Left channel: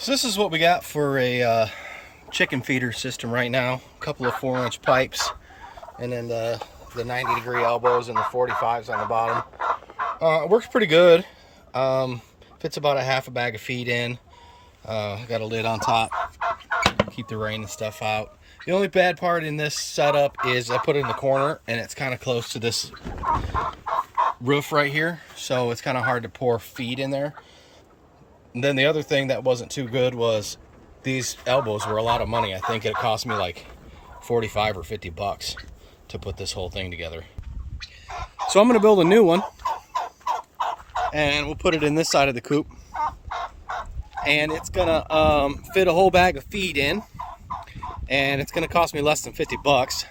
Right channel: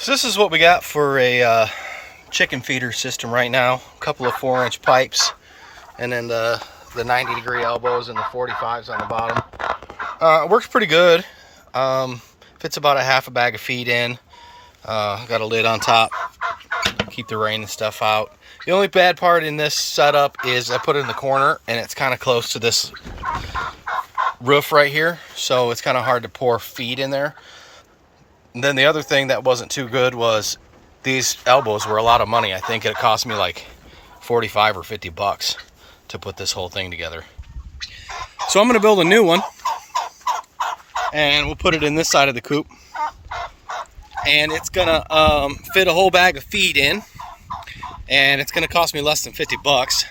So this is what we got for a chicken feeder system right now. A couple of 4-inch pipes, and then the 90-degree elbows and the 45s on the bottom. It works pretty good. Fits about a half a bag of feed in. Got a lid on top, keep the rain and stuff out. The only bad part in this setup is I put it in the corner and it's kind of close to this roof right here, so it's kind of hard to pour feed in there. And then the other thing that wasn't too good was these elbows were a lot of money. I think it cost me like 45 or 50 bucks to put this whole thing together. So I'm going to build a new one, and we'll put it in this side of the coop. And it's going to fit a whole bag of feed in, and it's going to cost me less than 50 bucks.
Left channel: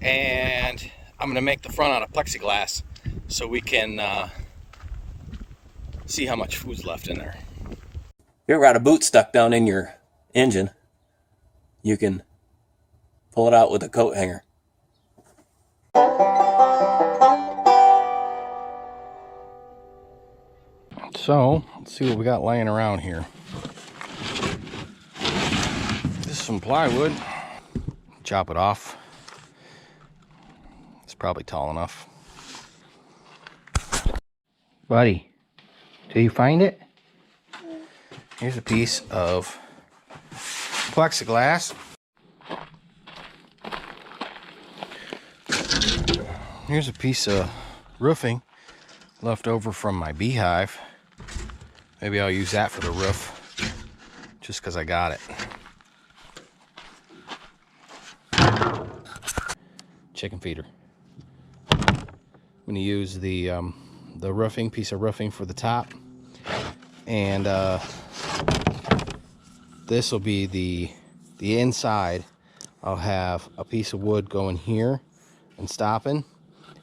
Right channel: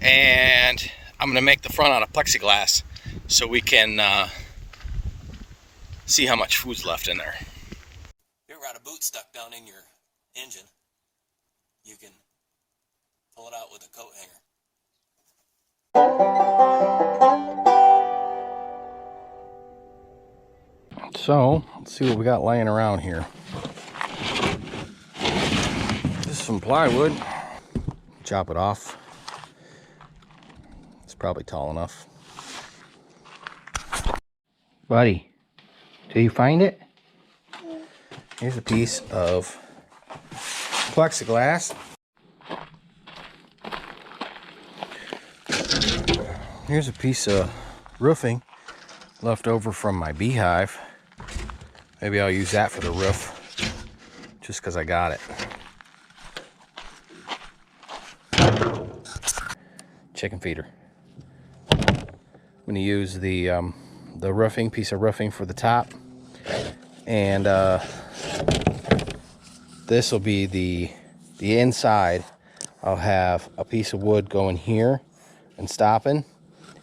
And I'm going to make the front out of plexiglass so we can see how much food's left in there. You ever got a boot stuck down in your engine? You can pull it out with a coat hanger. So, let's see what we got laying around here. This is some plywood. Chop it off. It's probably tall enough. Buddy, do you find it? Here's a piece of plexiglass. Here's a piece of roofing left over from my beehive. Maybe I'll use that for the roof, just because I got it. Chicken feeder. I'm going to use the roofing, piece of roofing for the top, and this will be the inside. I'll have a piece of wood going here and stopping,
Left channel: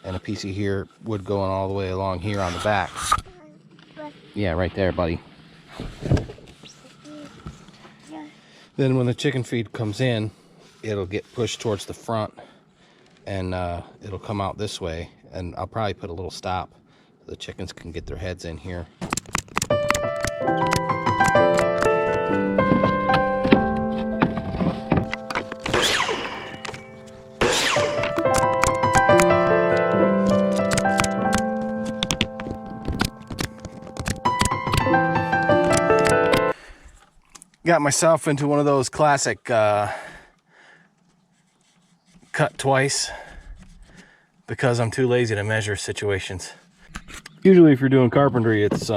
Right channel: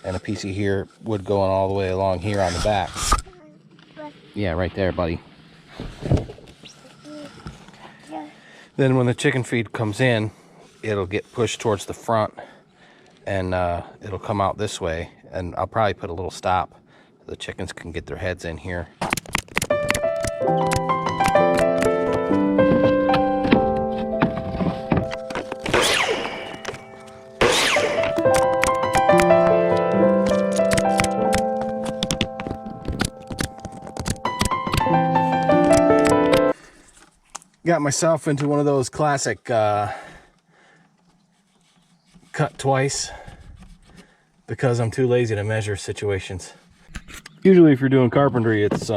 and a piece of here wood going all the way along here on the back. Yeah, right there, buddy. Then when the chicken feed comes in, it'll get pushed towards the front, and it'll come out this way, and I'll probably put a little stop so the chickens can get their heads in here. Got myself into one of those classic cut twice because I'm too lazy to measure situations. Usually if you're doing carpentry, it's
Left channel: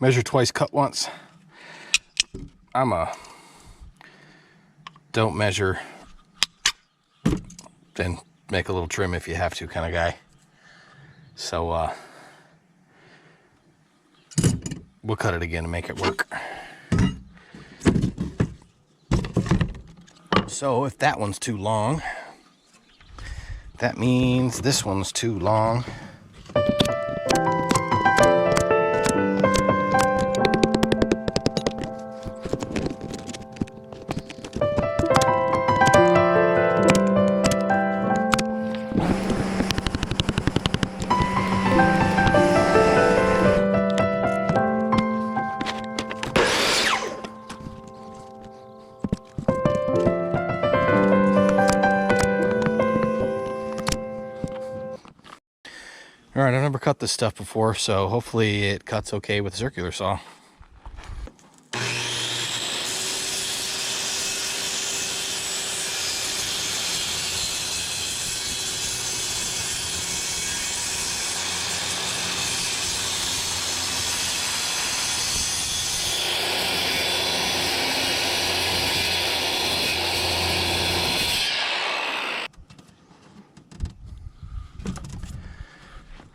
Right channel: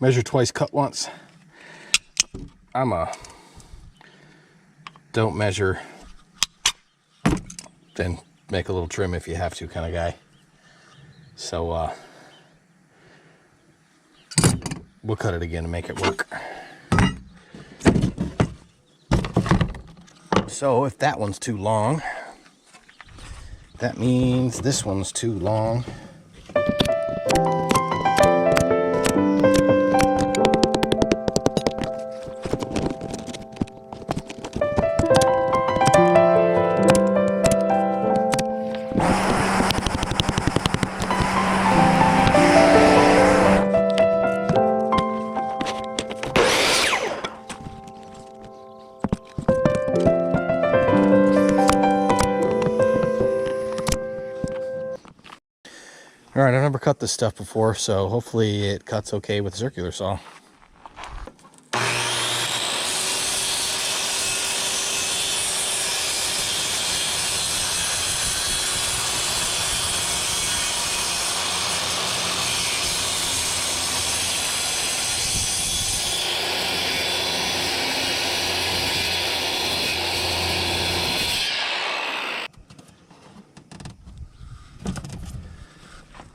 measure twice, cut once. I'm a don't measure, then make a little trim if you have to kind of guy. So we'll cut it again to make it work. So if that one's too long, that means this one's too long. All right, I've never cut this stuff before, so hopefully it cuts okay with a circular saw.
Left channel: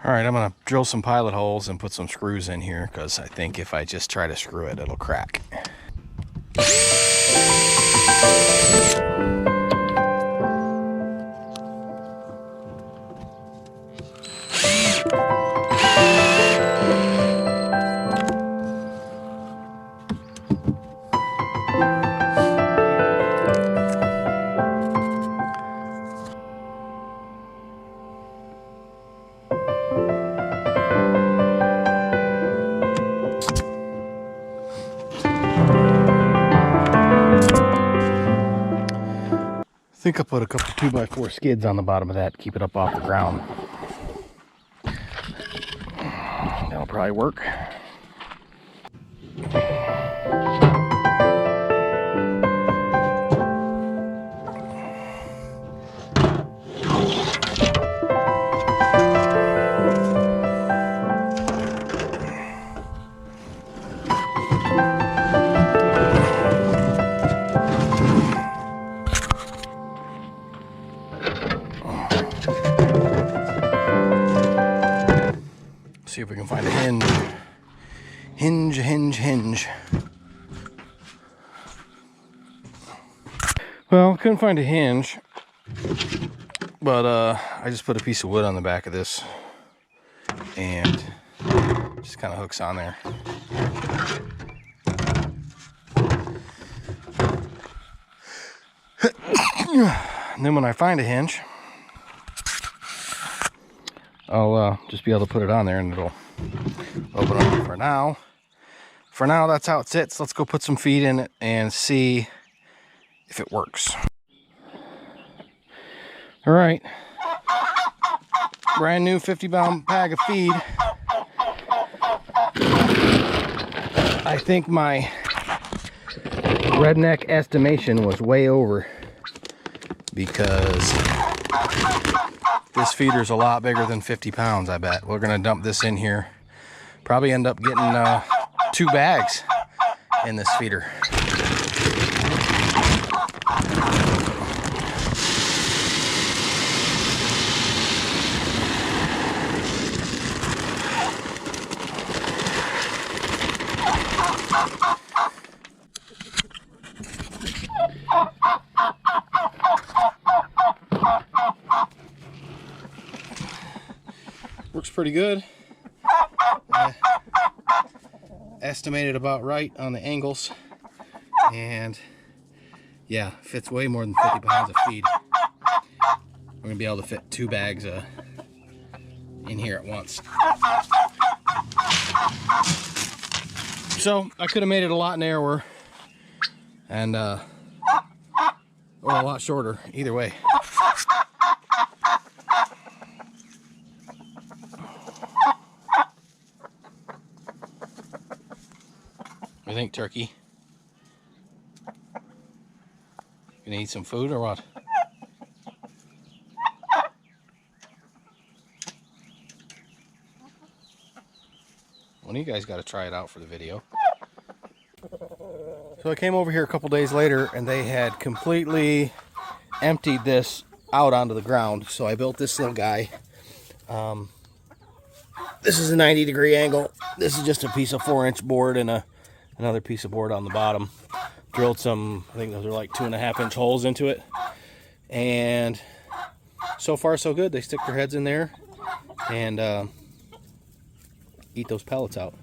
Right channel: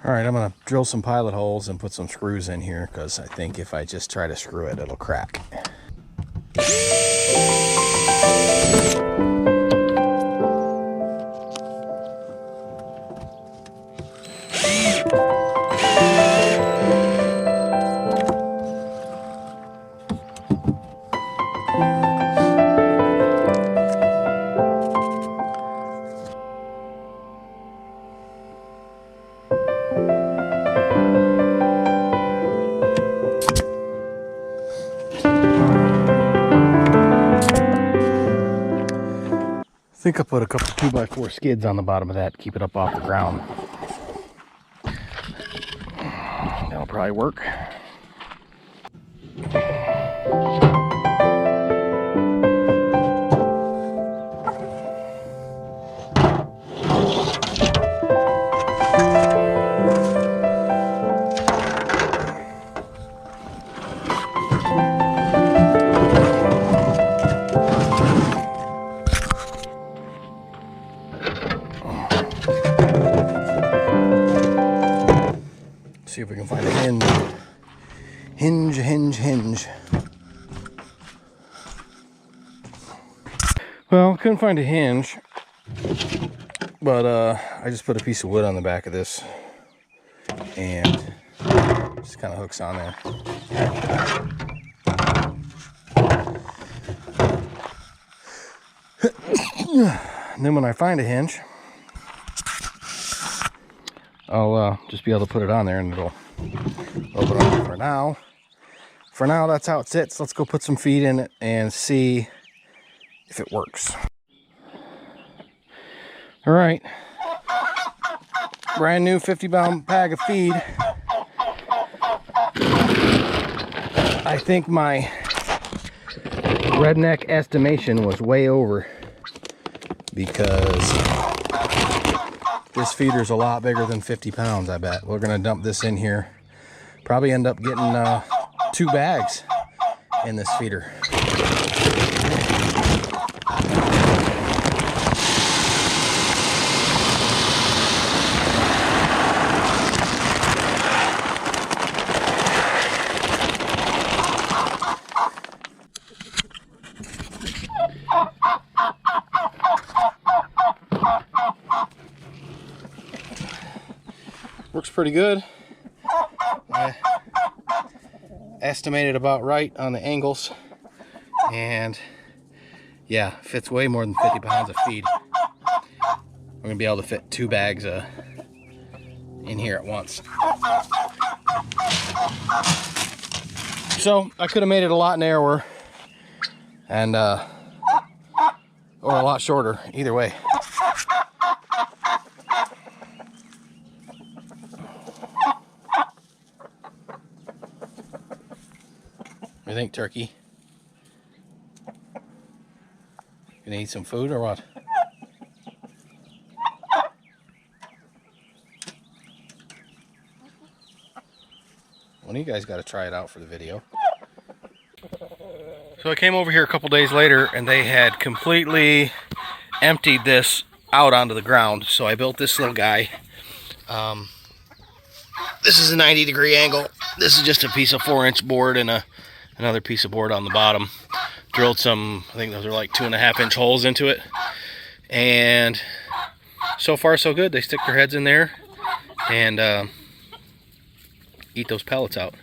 All right, I'm gonna drill some pilot holes and put some screws in here because I think if I just try to screw it, it'll crack. think I put a couple 2x4 skids on the bottom of that to keep it up off the ground. That'll probably work. See if we can find a hinge. Hinge. Well, couldn't find a hinge, but I just put a piece of wood on the back of this and just kind of hooks on there. And then when I find a hinge, I'll just be able to put it on there and it'll open up. For now, that's how it sits. Let's go put some feed in it and see if it works. All right, brand new 50-pound bag of feed. I think my redneck estimation was way over because this feeder is a lot bigger than 50 pounds, I bet. We're gonna dump this in here. Probably end up getting 2 bags in this feeder. Works pretty good. I estimated about right on the angles, and yeah, fits way more than 50 pounds of feed. We're gonna be able to fit 2 bags in here at once. So I could have made it a lot narrower and or a lot shorter, either way. What do you think, turkey? Gonna eat some food or what? One of you guys got to try it out for the video. So I came over here a couple days later and they had completely emptied this out onto the ground. So I built this little guy. This is a 90-degree angle. This is just a piece of 4-inch board and another piece of board on the bottom. Drilled some, I think those are like 2.5-inch holes into it. And so far so good. They stick their heads in there and eat those pellets out.